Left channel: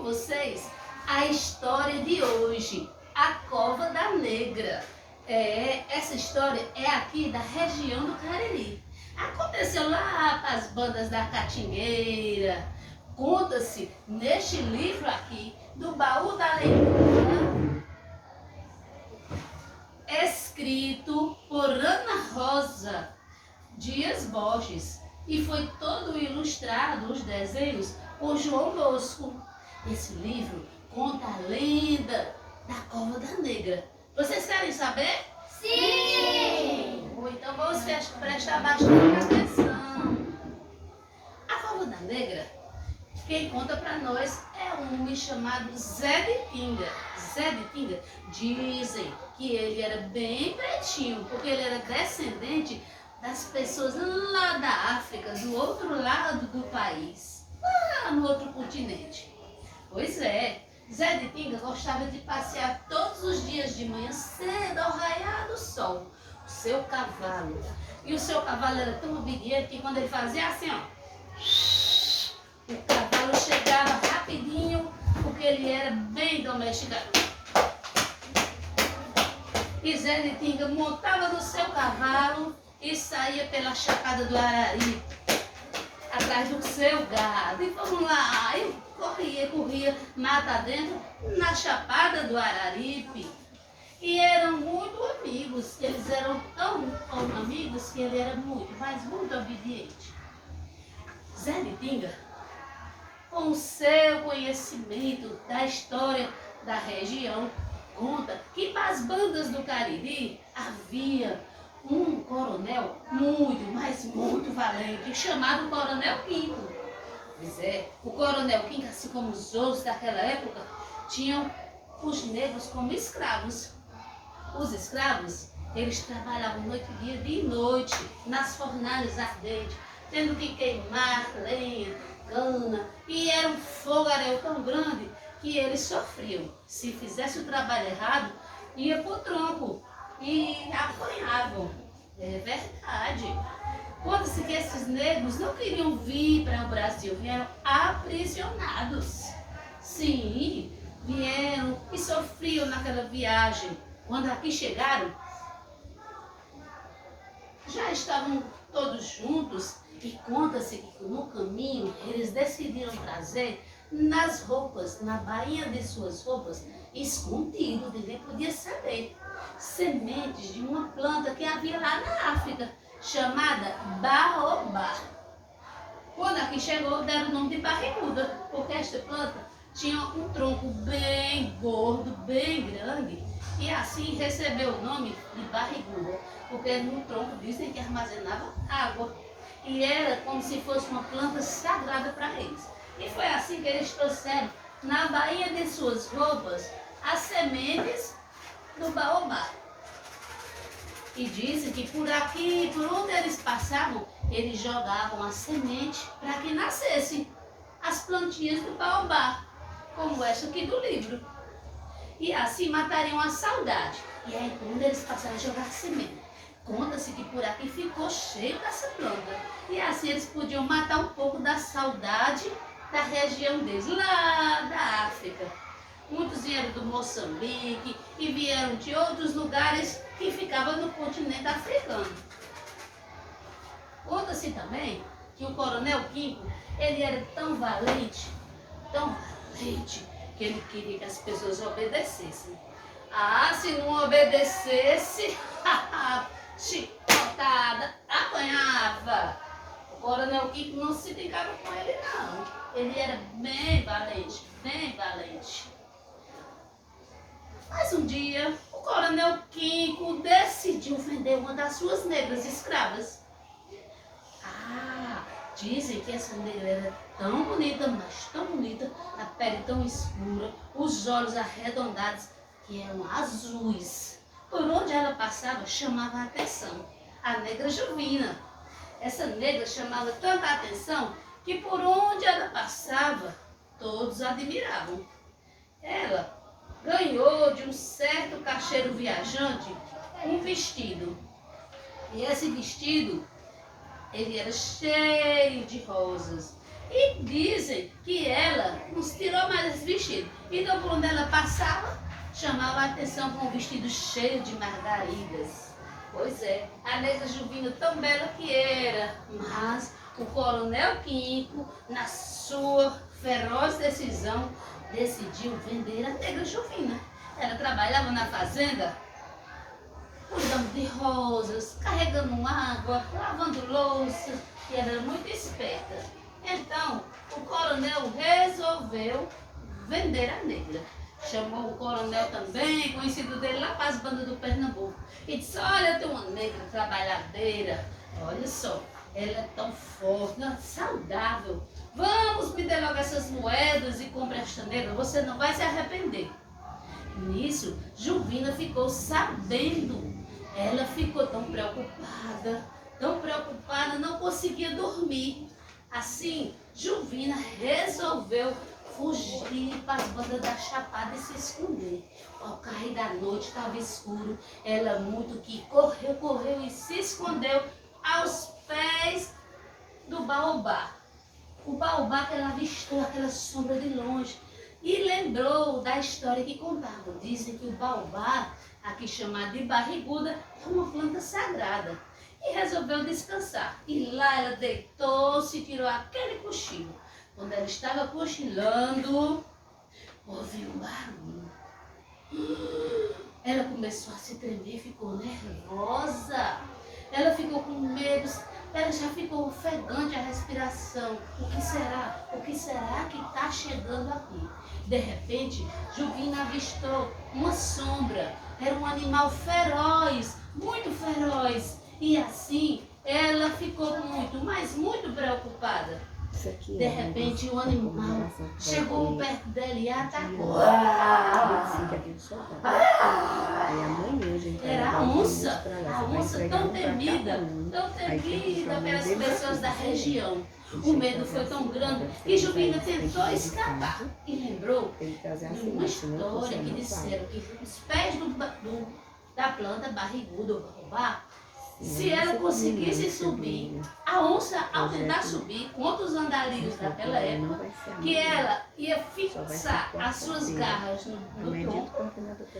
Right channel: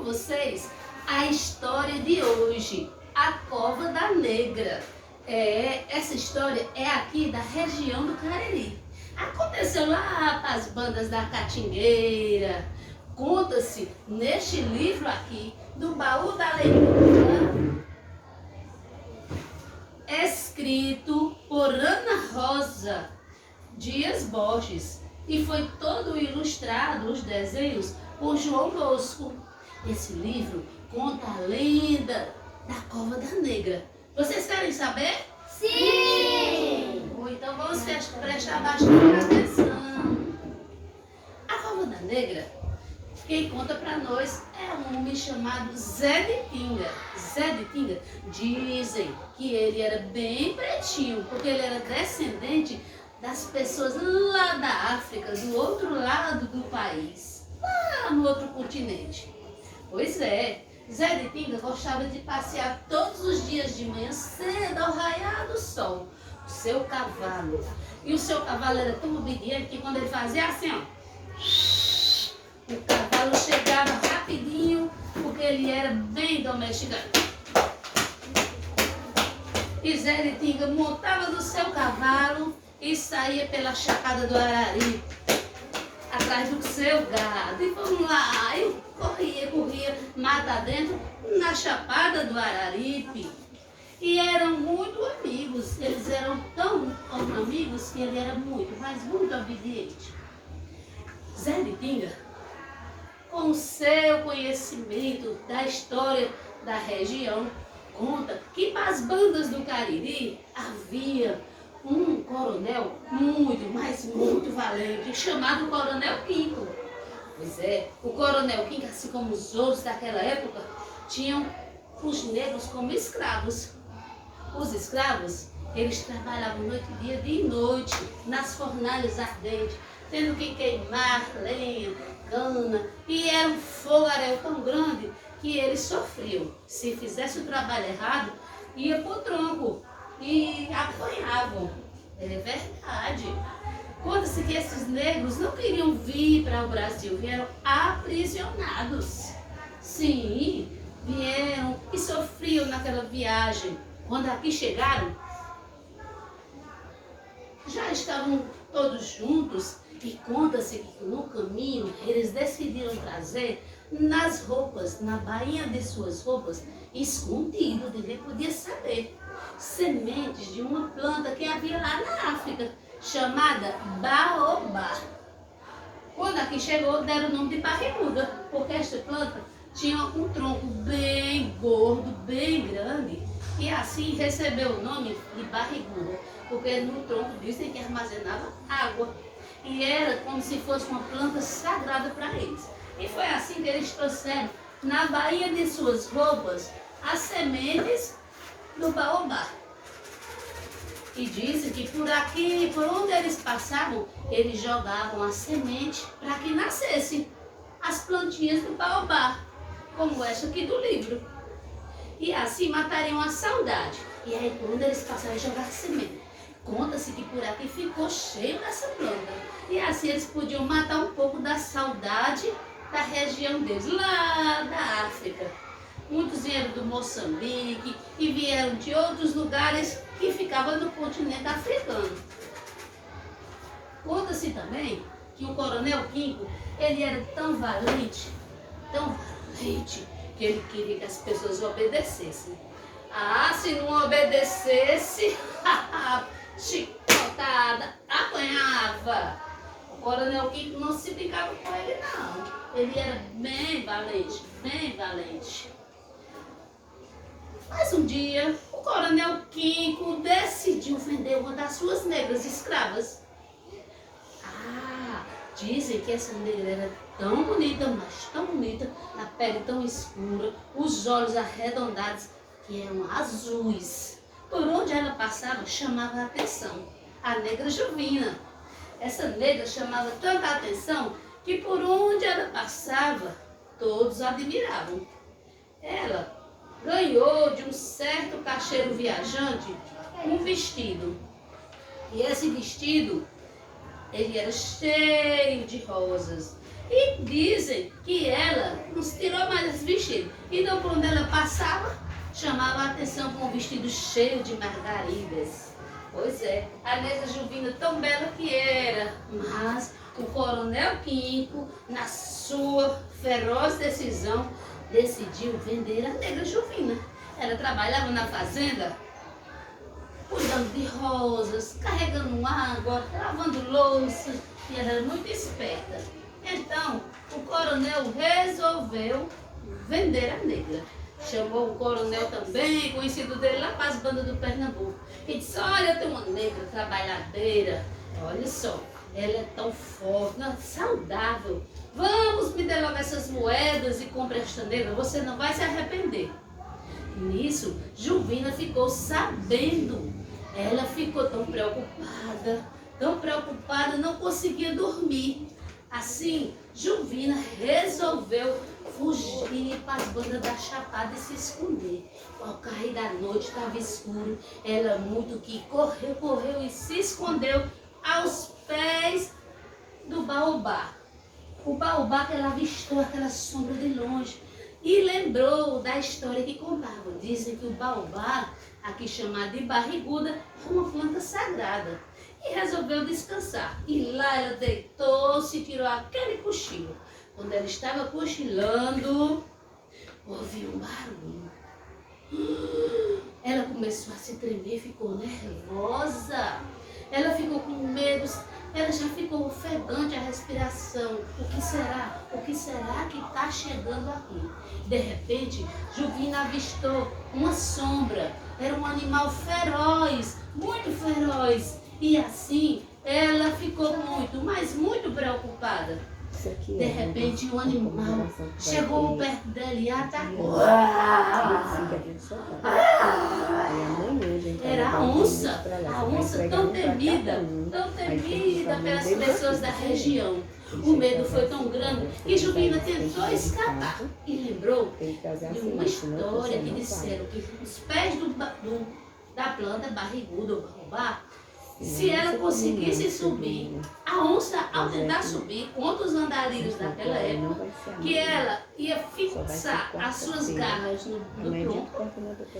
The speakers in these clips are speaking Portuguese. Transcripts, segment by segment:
com vocês a história de hoje, a Cova da Negra. Essa história é aqui da região do Cariri. Aconteceu lá para as bandas da Catingueira. Conta-se neste livro aqui, do Baú da Leitura, escrito por Ana Rosa Dias Borges, e foi todo ilustrado, os desenhos, por João Bosco. Esse livro conta a lenda da Cova da Negra. Vocês querem saber? Sim! Então vamos prestar bastante atenção. A Cova da Negra, quem conta para nós é um homem chamado Zé de Tinga. Zé de Tinga, dizem que ele era bem pretinho, porque ele era descendente das pessoas lá da África, do outro lado do país, lá no outro continente. Pois é, Zé de Tinga gostava de passear todos os dias de manhã cedo ao raiar do sol, o seu cavalo. E o seu cavalo era tão obediente que quando ele fazia assim, ó, o cavalo chegava rapidinho, porque ele era bem domesticado. E Zé de Tinga montava no seu cavalo e saía pela Chapada do Araripe, atrás do seu gado. E vamos lá, e corria, mata dentro, na Chapada do Araripe. E eram muito amigos. Eles eram tão amigos que ele era muito, mas muito obediente. Zé de Tinga, com o seu conhecimento da história da região, conta que para as bandas do Cariri havia um coronel muito, mas muito valente, chamado Coronel Quinco. Pois é, o Coronel Quinco, assim como os outros daquela época, tinham os negros como escravos. Os escravos, eles trabalhavam noite e dia e noite, nas fornalhas ardentes, tendo que queimar lenha, cana, e era um fogaréu tão grande que eles sofriam. Se fizesse o trabalho errado, ia pro tronco e apanhavam. É verdade. Conta-se que esses negros não queriam vir para o Brasil, vieram aprisionados. Sim, vieram e sofriam naquela viagem. Quando aqui chegaram, já estavam todos juntos, e conta-se que no caminho eles decidiram trazer nas roupas, na bainha de suas roupas, escondido, ninguém podia saber, sementes de uma planta que havia lá na África, chamada baobá. Quando aqui chegou, deram o nome de barriguda, porque esta planta tinha um tronco bem gordo, bem grande, e assim recebeu o nome de barriguda, porque no tronco dizem que armazenava água, e era como se fosse uma planta sagrada para eles. E foi assim que eles trouxeram na bainha de suas roupas as sementes do baobá. E dizem que por aqui, por onde eles passavam, eles jogavam a semente para que nascessem as plantinhas do baobá, como essa aqui do livro. E assim matariam a saudade. E aí, quando eles passaram a jogar semente, conta-se que por aqui ficou cheio dessa planta. E assim eles podiam matar um pouco da saudade da região deles, lá da África. Muitos vieram do Moçambique e vieram de outros lugares que ficavam no continente africano. Conta-se também que o Coronel Quinco, ele era tão valente, que ele queria que as pessoas obedecessem. Ah, se não obedecesse, chicotada, apanhava. O Coronel Quinco não se brincava com ele, não. Ele era bem valente, bem valente. Mas um dia, o Coronel Quinco decidiu vender uma das suas negras escravas. Ah, dizem que essa negra era tão bonita, mas tão bonita, a pele tão escura, os olhos arredondados, que eram azuis. Por onde ela passava, chamava a atenção. A negra Jovina. Essa negra chamava tanta atenção que por onde ela passava, todos a admiravam. Ela ganhou de um certo cacheiro viajante um vestido. E esse vestido, ele era cheio de rosas. E dizem que ela não tirou mais esse vestidos. Então, por onde ela passava, chamava a atenção com um vestido cheio de margaridas. Pois é, a negra Juvina tão bela que era, mas o coronel Quinco, na sua feroz decisão, decidiu vender a negra Juvina. Ela trabalhava na fazenda, cuidando de rosas, carregando água, lavando louça, e ela era muito esperta. Então, o coronel resolveu vender a negra. Chamou o coronel também, conhecido dele lá para as bandas do Pernambuco, e disse: olha, tem uma negra trabalhadeira, olha só, ela é tão forte, saudável. Vamos me dar logo essas moedas e compre esta negra, você não vai se arrepender. Nisso, Juvina ficou sabendo. Ela ficou tão preocupada, não conseguia dormir. Assim, Juvina resolveu fugir para as bandas da Chapada e se esconder. Ao cair da noite, estava escuro. Ela muito que correu e se escondeu aos pés do baobá. O baobá que ela avistou aquela sombra de longe e lembrou da história que contavam. Dizem que o baobá, aqui chamado de barriguda, é uma planta sagrada. E resolveu descansar. E lá ela deitou-se e tirou aquele cochilo. Quando ela estava cochilando, ouviu um barulho. Ela começou a se tremer, ficou nervosa. Ela ficou com medo, ela já ficou ofegante a respiração. O que será? O que será que está chegando aqui? De repente, Juvina avistou uma sombra. Era um animal feroz, muito feroz. E assim, ela ficou muito, mas muito preocupada. De repente, o animal chegou perto dela e atacou. Era a onça tão temida pelas pessoas da região. O medo foi tão grande que Juvina tentou escapar e lembrou de uma história que disseram que os pés da planta barriguda ou baobá, se ela conseguisse subir, a onça, ao tentar subir contra os andarilhos daquela época, que ela ia fixar as suas garras no tronco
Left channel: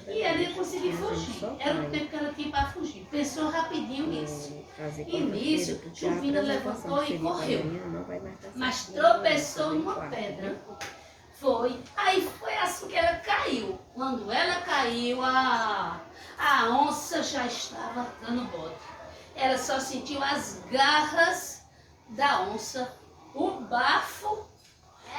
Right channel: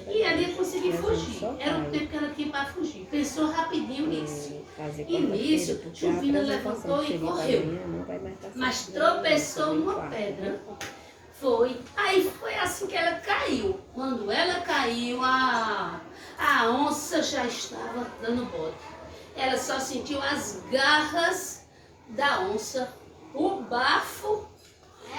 e ela ia conseguir fugir. Era o tempo que ela tinha para fugir. Pensou rapidinho nisso. E nisso, Juvina levantou e correu, mas tropeçou numa pedra. Aí foi assim que ela caiu. Quando ela caiu, a onça já estava dando bote. Ela só sentiu as garras da onça, o bafo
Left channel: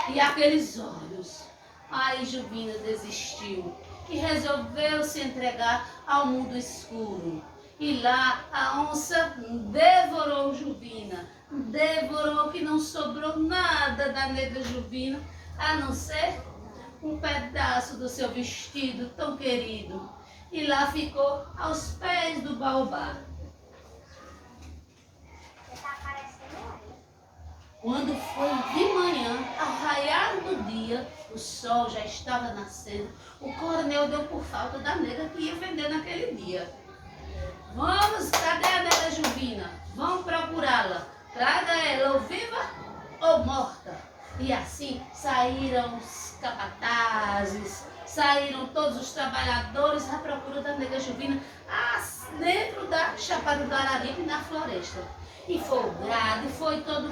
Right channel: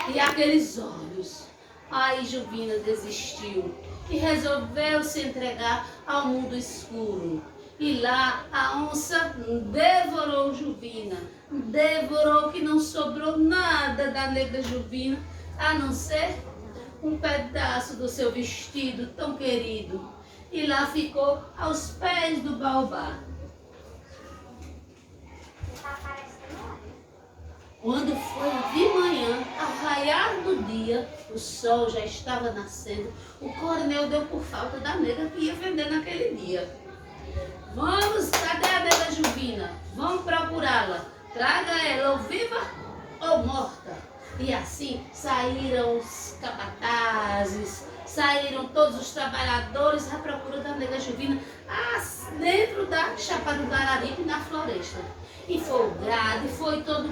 e aqueles olhos. Aí Juvina desistiu e resolveu se entregar ao mundo escuro. E lá a onça devorou Juvina, devorou, que não sobrou nada da negra Juvina, a não ser um pedaço do seu vestido tão querido. E lá ficou aos pés do baobá. Quando foi de manhã, ao raiar do dia, o sol já estava nascendo, o coronel deu por falta da negra que ia vender naquele dia. Vamos, cadê a negra Juvina? Vamos procurá-la. Traga ela ou viva ou morta. E assim saíram os capatazes, saíram todos os trabalhadores à procura da negra Juvina dentro da Chapada do Araripe, na floresta. E foi o gado, e foi todo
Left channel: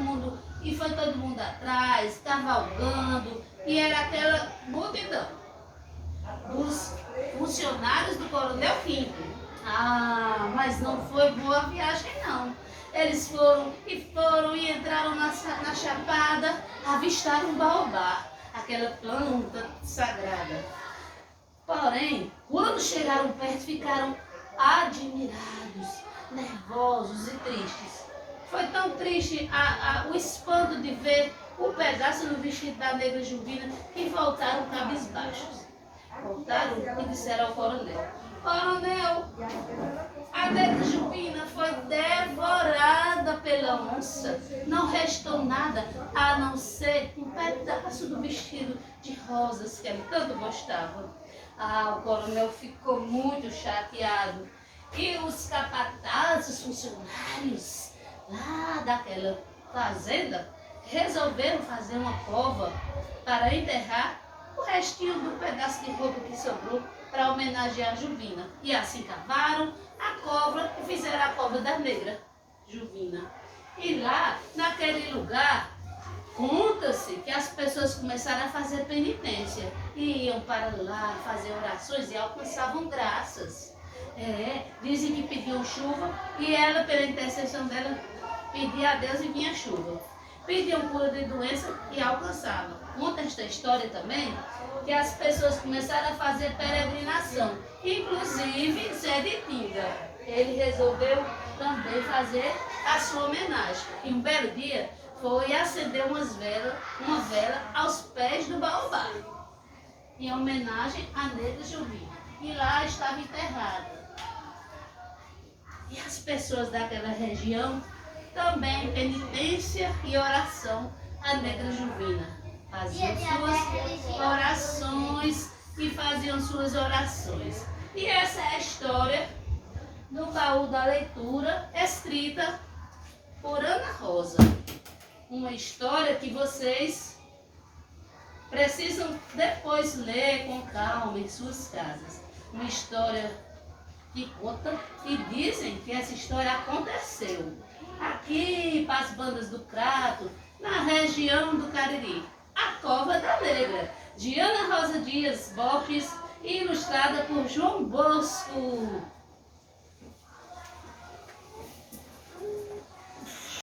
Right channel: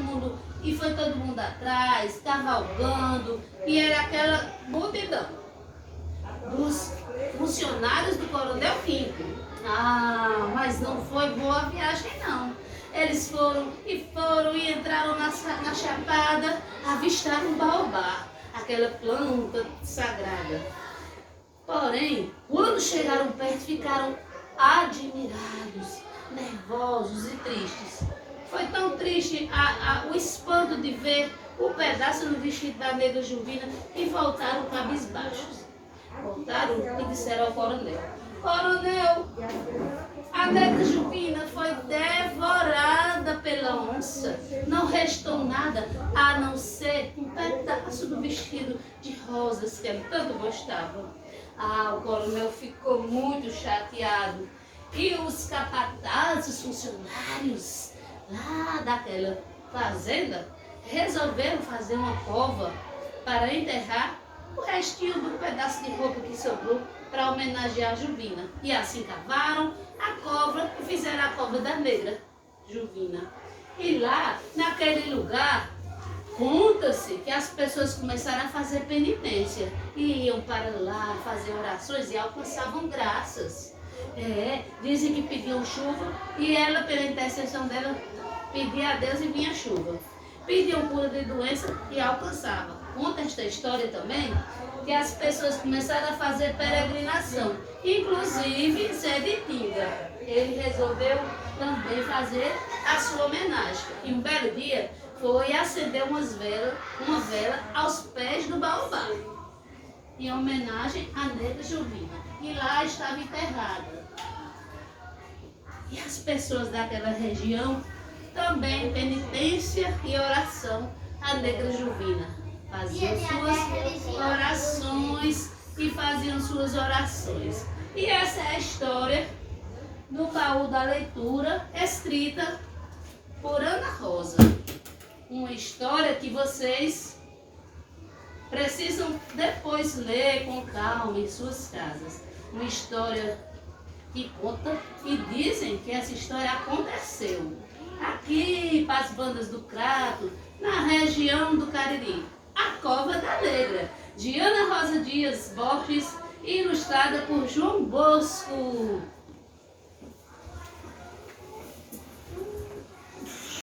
mundo atrás, cavalgando, e era aquela multidão dos funcionários do coronel Quinco. Mas não foi boa viagem não. Eles foram e entraram na chapada, avistaram o baobá, aquela planta sagrada. Porém, quando chegaram perto, ficaram admirados, nervosos e tristes. Foi tão triste o espanto de ver o pedaço do vestido da negra Juvina que voltaram cabisbaixos. Voltaram e disseram ao coronel: Coronel, a negra Juvina foi devorada pela onça. Não restou nada a não ser um pedaço do vestido de rosas que ele tanto gostava. O coronel ficou muito chateado. E os capatazes, os funcionários lá daquela fazenda, resolveram fazer uma cova para enterrar o restinho do pedaço de roupa que sobrou para homenagear a Juvina. E assim cavaram a cova e fizeram a cova da negra Juvina. E lá, naquele lugar, conta-se que as pessoas começaram a fazer penitência. E iam para lá fazer orações e alcançavam graças. Dizem que pediam chuva e ela, pela intercessão dela, pedia a Deus e vinha chuva. Pediam cura de doença e alcançava. Conta esta história também que as pessoas começaram a fazer peregrinação, inclusive Zé de Tinga. Ele resolveu também fazer a sua homenagem. E um belo dia foi acender uma vela aos pés do baobá, em homenagem à negra Juvina. E lá estava enterrada. E as pessoas daquela região também penitência e oração à negra Juvina. Faziam suas orações e faziam suas orações. E essa é a história do baú da leitura, escrita por Ana Rosa. Uma história que vocês precisam depois ler com calma em suas casas. Uma história que conta e dizem que essa história aconteceu aqui para as bandas do Crato, na região do Cariri. A Cova da Negra, de Ana Rosa Dias Borges, ilustrada por João Bosco.